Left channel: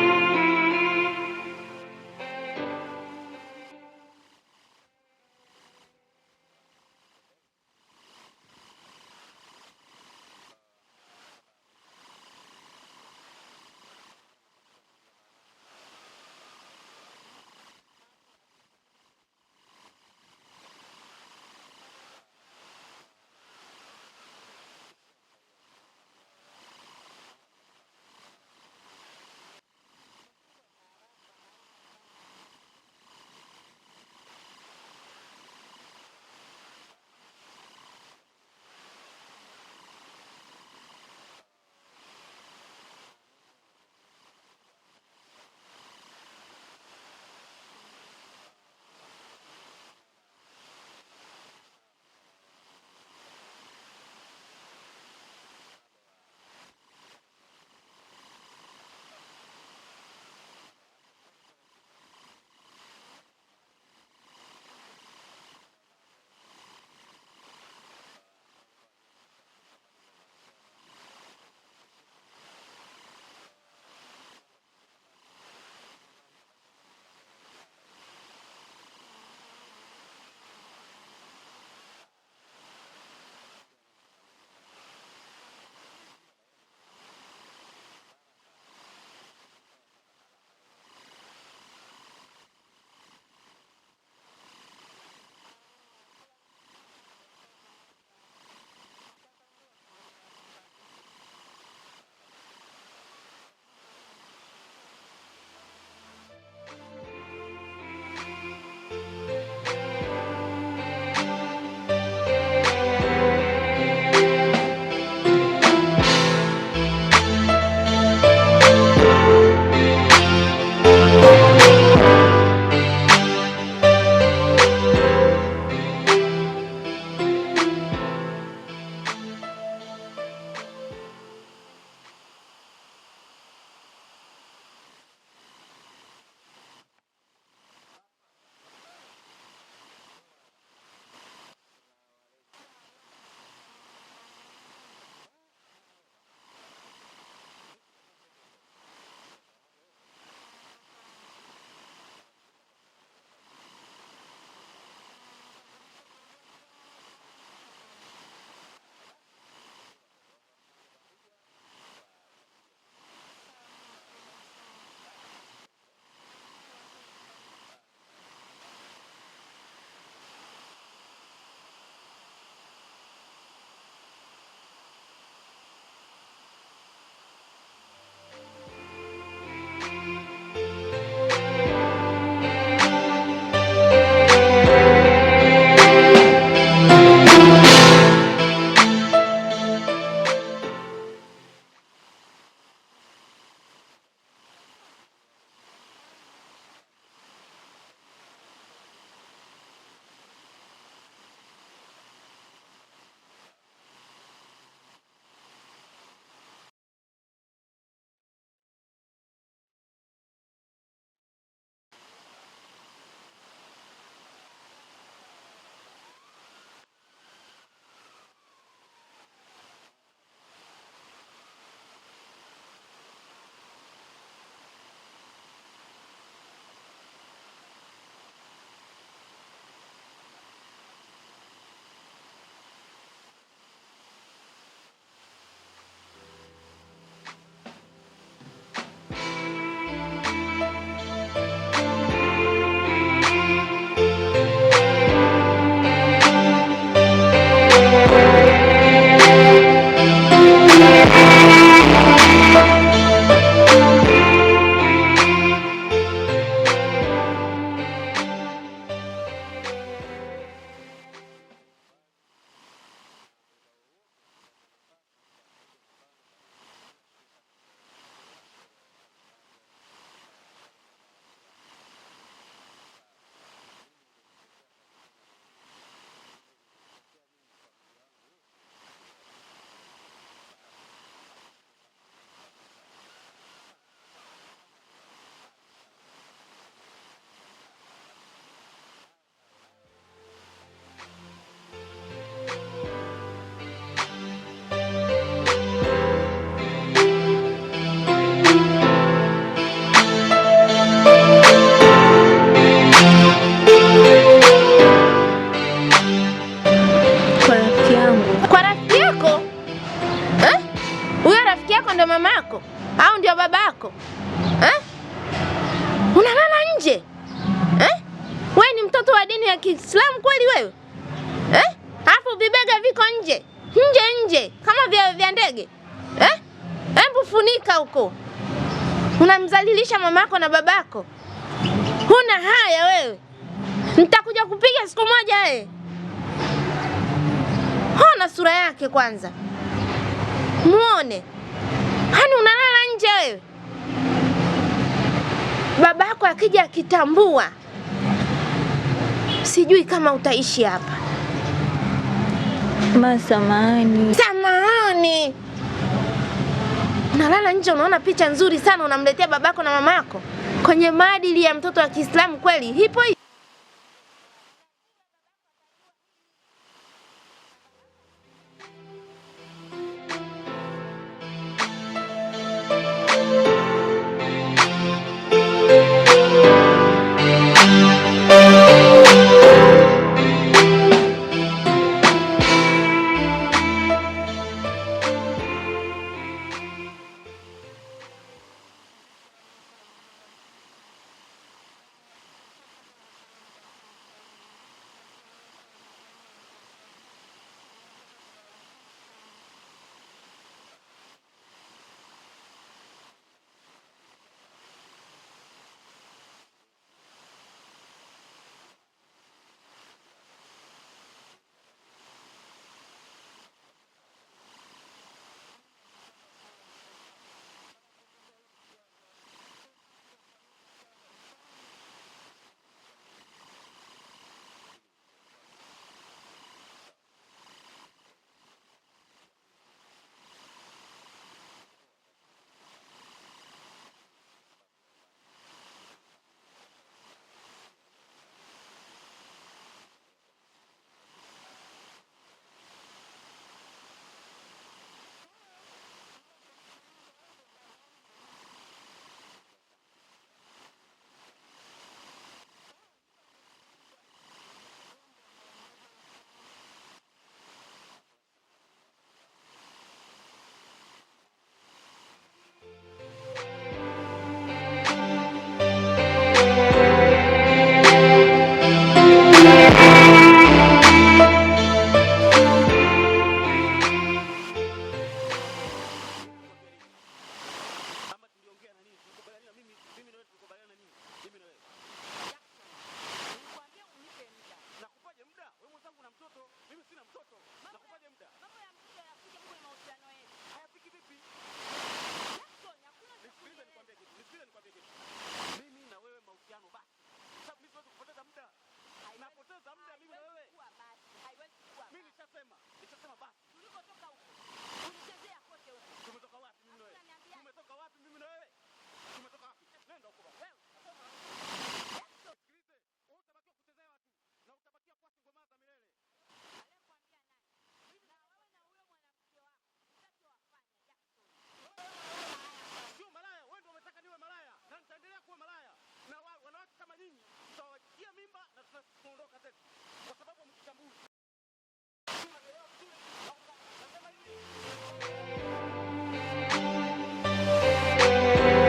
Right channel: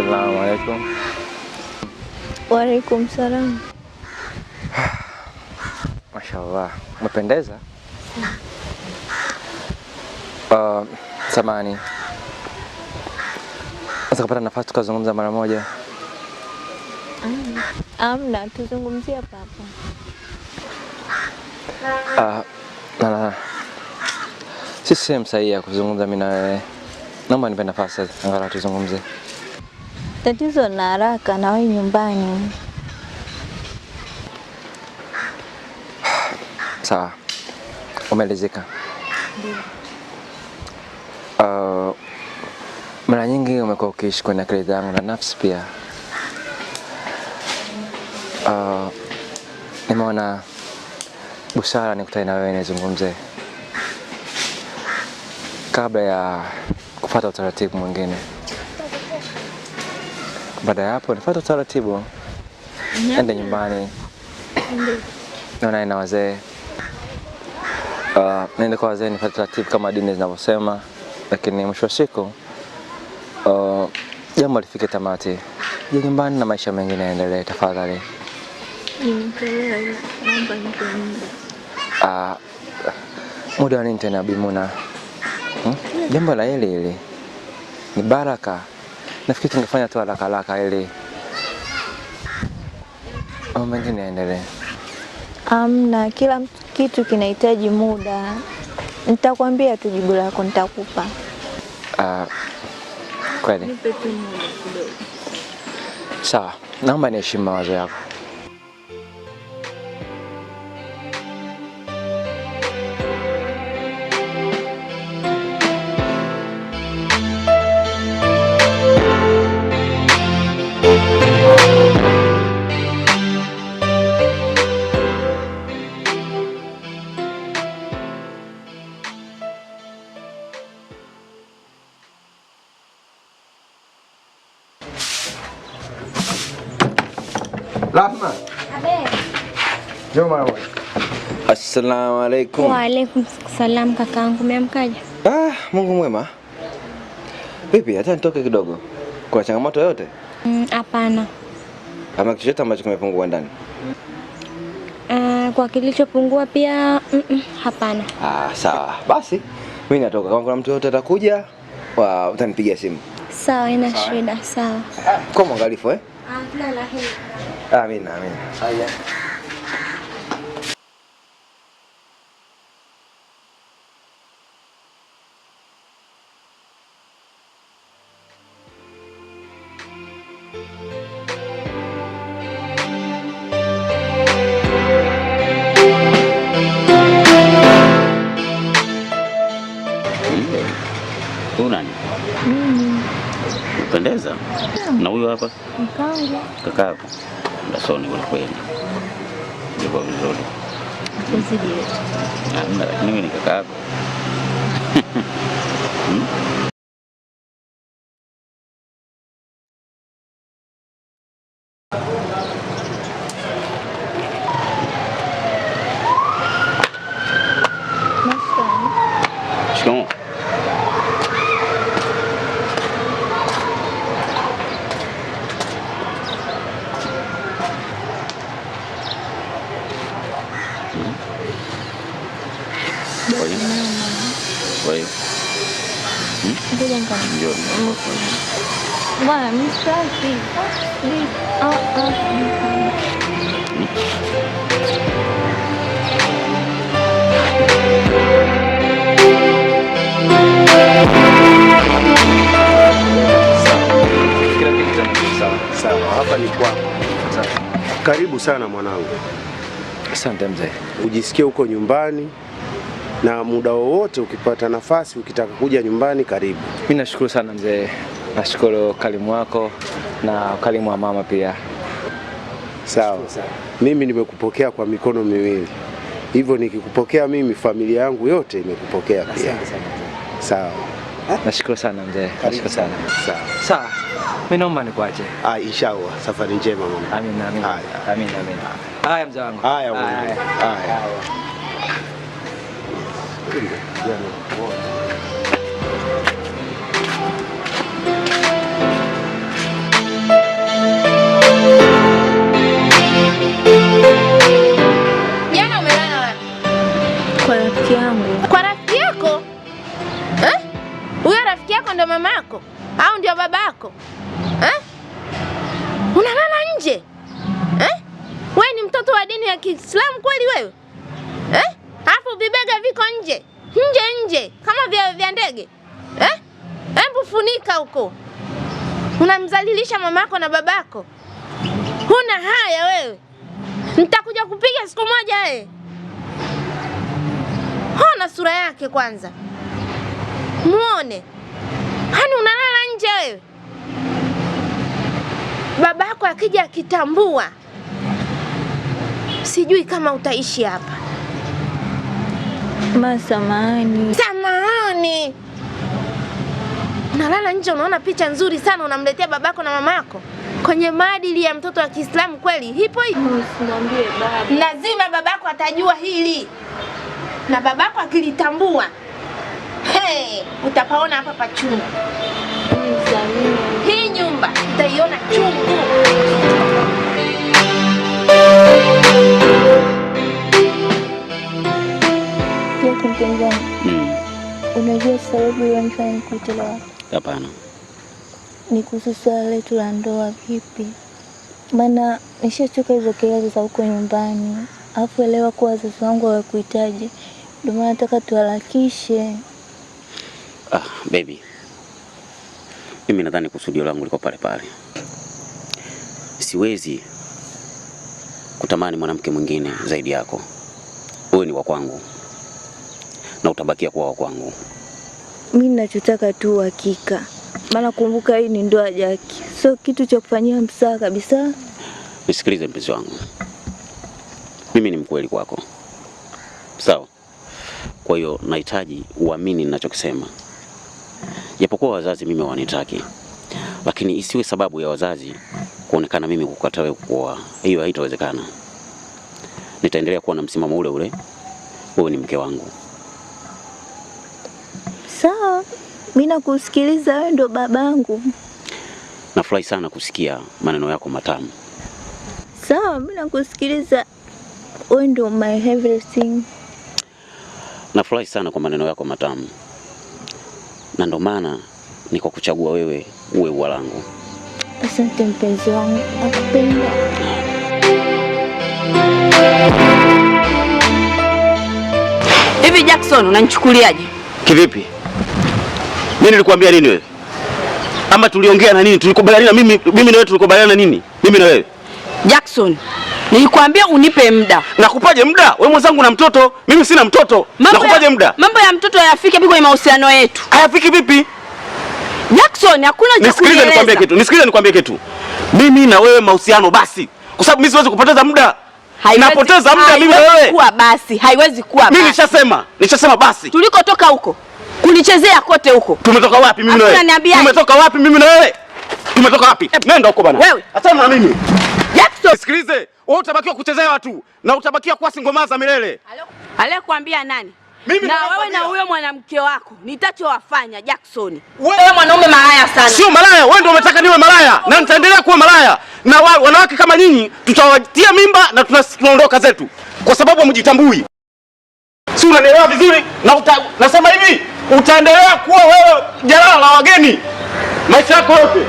Assalamualaikum. Waalaikumsalam. Mashallah, umependeza. Samani. Sasa kupata nafasi tukazungumza mara moja. Amna, tuzungumzie hapa. Si sehemu sahihi ya kuzungumza mimi na wewe. Naomba nipe nafasi angalau tuzungumze. Tatizo na haraka na wewe nyumbani. Sawa. Umeelezeka. Ndio. Mara nyingi umekuwa ukiishi kwenye akili zangu na nafsi pia. Nimeona busara nikutane na wewe nizungumze kabla ya kufuata utaratibu mwingine. Baada ya hapo nifuate utaratibu. Ende nyumbani. Naona ina wazee. Nenda kwa wazee nifuate utaratibu kama dini zinavyosema, lakini mwisho wa siku jambo lifike tamati. Je, nyumbani na maisha mengine yaendelee tafadhali. Nimekuelewa, naomba nipe muda. Muda wa nini tena Bimuna? Jambo la hili ni baraka. Nafikiri tungefanya tu haraka ili mambo mengine yaendelee. Amna, kila kitu kinahitaji muda. Nitakwambia tu jibu lako nitakupa. Kweli? Nipe tu muda kidogo. Sawa, naomba niheshimu mawazo yako. Rahma. Abe. Joma. Assalamualaikum. Waalaikumsalam kakaangu, umeamkaje? Mungu mwema. Vipi, hata nitoke kidogo? Kuna changamoto yote? Hapana. Ama kitu chochote ambacho kimepungua ndani? Kwa kilichopungua pia hapana. Sawa. Basi mimi natoka. Kama kuna mtu yote atakuja, utanipigia simu. Sawa, ina shida. Sawa. Kwa mwangalifu Kila la heri. Amina. Haya. Pendeza. Na huyo hapa? Mkangu. Kakako. Ndasoni kwa kweli. Ndio vizuri. Kuzidi. Lakini mimi ni kakako. Shikamoo. Bwana, mshafi. Karibu sana mwanangu. Asante mzee. Ujisikie uko nyumbani na muda wowote ukipata nafasi ukitaka kuja nyumbani karibu. Mimi nashukuru sana mzee. Nashukuru kalimu wako na kalimu wa mama pia. Sawa. Mimi nimekupokea kwa mikono miwili. Hivyo nikikupokea mimi, familia yangu yote imekupokea pia. Sawa. Nashukuru sana mzee. Nashukuru sana. Sawa. Mimi naomba nikuache. Inshallah. Safari njema mama. Amina. Haya mzee wangu. Haya. ndio mamako au ndio babako? Unalala nje? Wewe ni mtoto wa dini ya Kiislamu kweli wewe? Alafu vibega viko nje. Nje kama vya ndege. Hebu funika huko. Unamzalilisha mamako na babako. Huna haya wewe. Nitakuja kupiga siku moja wewe. Hona sura yake kwanza. Muone. Hani unalala nje wewe? Babako akija akitambua, sijui kama utaishi hapa. Samahani. Samahani. Unalala nje, unaona picha nzuri sana unamletea babako na mamako. Kwenye maadili ya mtoto wa Kiislamu kweli hipo hipo. Usimwambie baba. Lazima babako atajua hili. Na babako akilitambua, utapaona hapa pachungu. Hii nyumba utaiona chungu. Unajua sababu wanifanya nikuite leo? Hapana. Ni kuhusu swala letu la ndoa vipi? Maana nishachoka hizo kelele za huko nyumbani. Alafu elewa kuwa wazazi wangu hawakuhitaji. Ndio maana nataka tuharakishe. Baby. Mimi nadhani kusudio langu liko pale pale. Siwezi kutamani mwanamke mwingine zaidi yako. Wewe ni wa kwangu. Na utabakia kuwa wa kwangu. Mimi ninachotaka tu hakika. Maana kumbuka hii ni ndoa Jackie. Sio kitu cha kufanyia msaa kabisa. Nisikilize mpenzi wangu. Mimi ni mkweli kwako. Sawa? Kwa hiyo nahitaji uamini ninachokisema. Japokuwa wazazi mimi wanitaki, lakini isiwe sababu ya wazazi kuonekana mimi kukataa wewe kuoa. Hiyo haitawezekana. Nitaendelea kuwa na msimamo ule ule. Wewe ni mke wangu. Sawa. Mimi nakusikiliza, wewe ndo babangu. Nafurahi sana kusikia maneno yako matamu. Sawa, mimi nakusikiliza. Wewe ndo my everything. Nafurahi sana kwa maneno yako matamu. Na ndo maana niko kuchagua wewe uwe ua langu. Asante mpenzi wangu. Nakupenda. Hivi Jackson unanichukuliaje? Kivipi? Mimi nilikwambia nini wewe? Ama tuliongea na nini? Tulikubaliana mimi na wewe tulikubaliana nini? Mimi na wewe. Jackson, nilikwambia unipe muda. Nakupaje muda? Wewe mwenzangu na mtoto, mimi sina mtoto. Nakupaje muda? Mambo ya mtoto hayafiki vipi kwenye mahusiano yetu? Hayafiki vipi? Jackson, hakuna cha kueleza. Nisikilize nikwambie kitu. Mimi na wewe mahusiano basi. Kwa sababu mimi siwezi kupoteza muda. Napoteza muda mimi na wewe. Haiwezi kuwa basi. Mimi nishasema basi. Tulikotoka huko. Kunichezea kote huko. Tumetoka wapi mimi na wewe? Tumetoka wapi mimi na wewe? Tumetoka wapi? Nenda huko bana. Wewe, achana na mimi. Jackson, sikilize. Wewe utabakiwa kuchezea watu na utabakiwa kuwa singomaza milele. Aliyekwambia nani? Mimi na wewe na huyo mwanamke wako nitachowafanya Jackson. Wewe mwanaume malaya sana. Sio malaya, wewe ndio umetaka niwe malaya na nitaendelea kuwa malaya. Na wanawake kama nyinyi tutawatia mimba na tunaondoka zetu kwa sababu hamjitambui. Si unanielewa vizuri? Na nasema hivi, utaendelea kuwa wewe jalala la wageni maisha yako yote.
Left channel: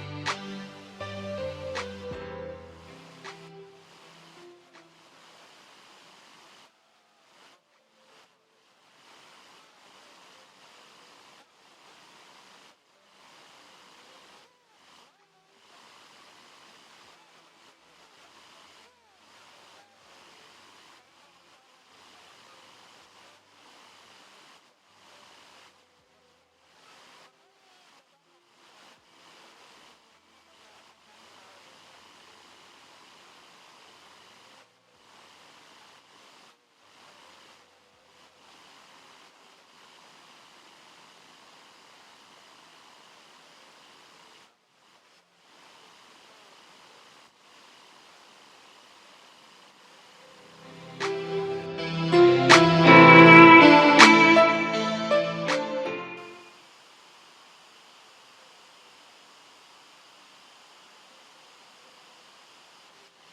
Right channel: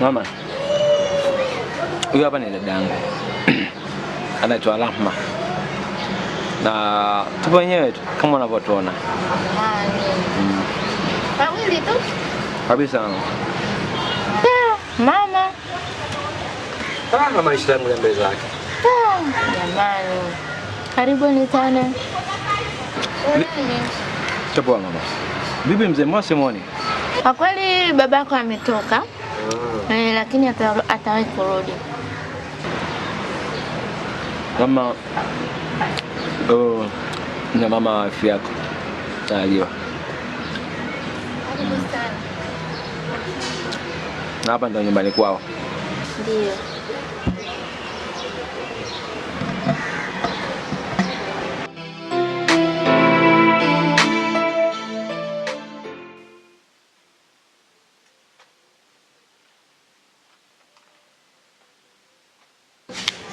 Mama, huyu hapa ni dadangu. Anaitwa Rahma. Na tupo wenyewe tu kama unavyotuona. Wawili tu? Kabisa. Mama. Mama maisha yangu ya mbele zake. Jamani. Karibuni sana. Tupo mama. Bibi mzee Mwasi muone. Kwa kweli babako ametoka. Lakini atawahi kurudi. Mama na mama wa wifi yako tajua. Na hapa ndo nyumbani kwao. Ndio.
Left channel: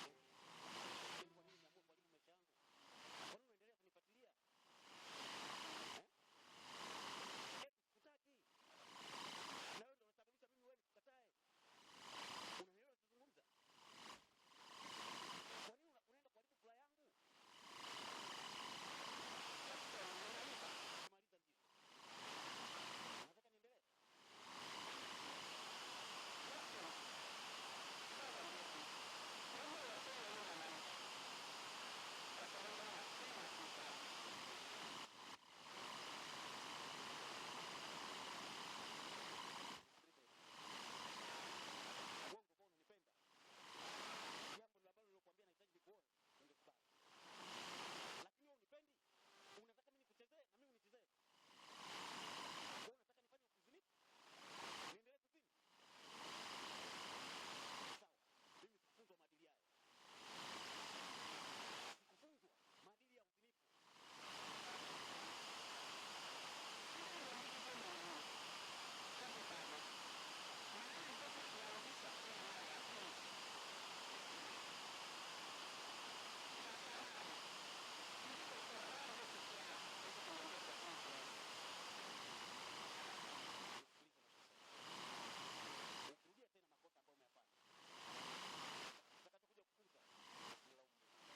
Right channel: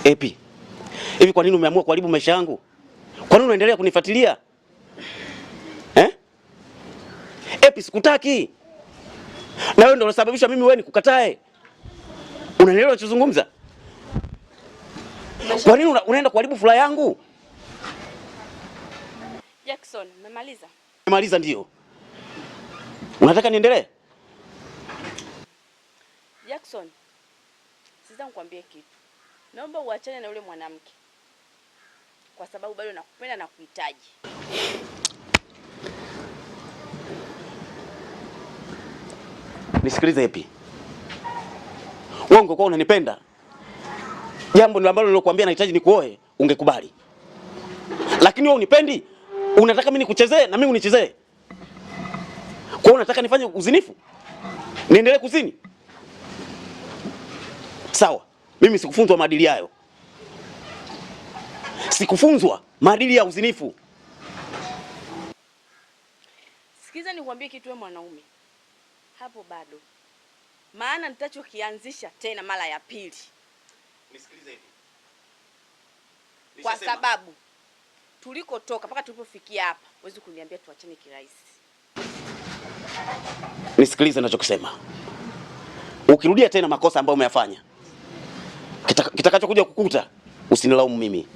Epi, hivi kwa nini umeamua kuharibu maisha yangu? Kwa nini unaendelea kunifuatilia? Epi, sikutaki. Na wewe ndio unasababisha mimi wewe nikukatae. Unaelewa unachozungumza? Kwa nini unaenda kuharibu furaha yangu? Jackson, umemaliza? Nimemaliza ndio. Unataka niendelee? Jackson, sasa nikwambie kitu. Naomba uachane na yule mwanamke. Kwa sababu bado nakupenda na kuhitaji. Nisikilize Epi. Wewe ungekuwa unanipenda, jambo ndilo ambalo nilokuambia nahitaji nikuoe, ungekubali. Lakini wewe unipendi, unataka mimi nikuchezee na mimi unichezee. Kwa hiyo unataka nifanye uzinifu? Niendelee kuzini? Sawa, mimi sikufunzwa maadili hayo. Sikufunzwa maadili ya uzinifu. Sikiza nikwambie kitu wewe mwanaume. Hapo bado. Maana nitachokianzisha tena mara ya pili. Nisikilize hivi. Kwa sababu tulikotoka mpaka tulipofikia hapa, huwezi kuniambia tuachane kirahisi. Nisikilize ninachokisema. Ukirudia tena makosa ambayo umeyafanya, kitakachokuja kukuta usinilaumu mimi.